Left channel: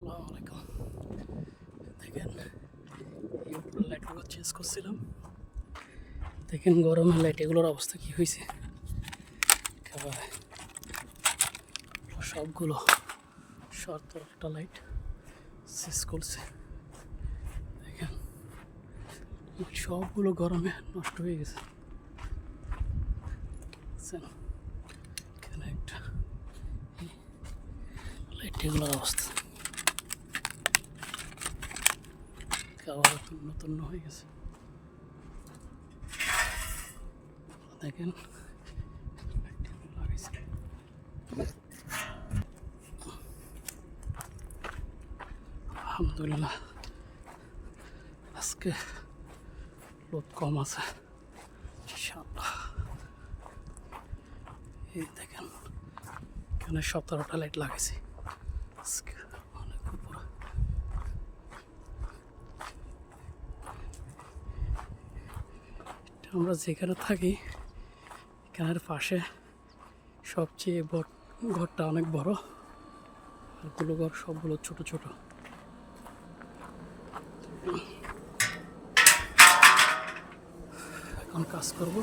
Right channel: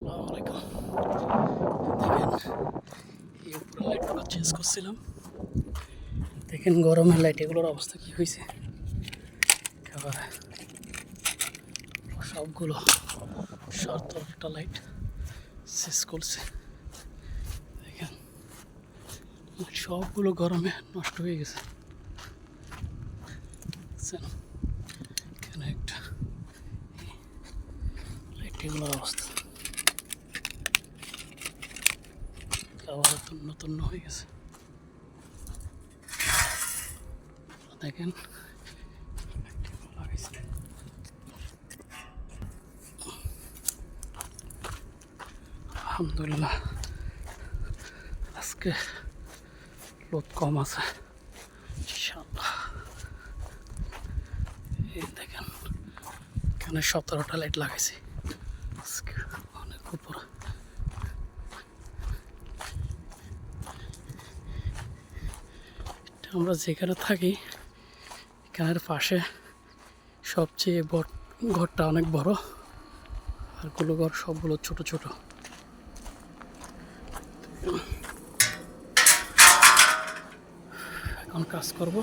আসসালামু আলাইকুম। দেখেন এই উপরের লাইটগুলো চেঞ্জ করছিলাম। দেখেন গরমের লাইট এগুলোর অবস্থা কি হয়েছে। একেবারে সবগুলো একটা লাইট শেষ করছে। দেখেন সবগুলো গরমে নষ্ট হয়ে গেছে। এখানে একটা লাইট এগুলোর অবস্থা একেবারে নতুন হয়ে গেছে। দেখেন লাগাইছে। আলহামদুলিল্লাহ আজকে লোক কম আছে ইনশাআল্লাহ। এই দেখেন এখানে 17টা লাইট লাগাইছি আজকে, অনেক উপরে। আমরা যেখানে থাকি এখানের পাশে সবচেয়ে বড় ঘরটা অনেক বড়, আর গুলো ঘর সবগুলো ছোট ছোট। এখন কাজ করব।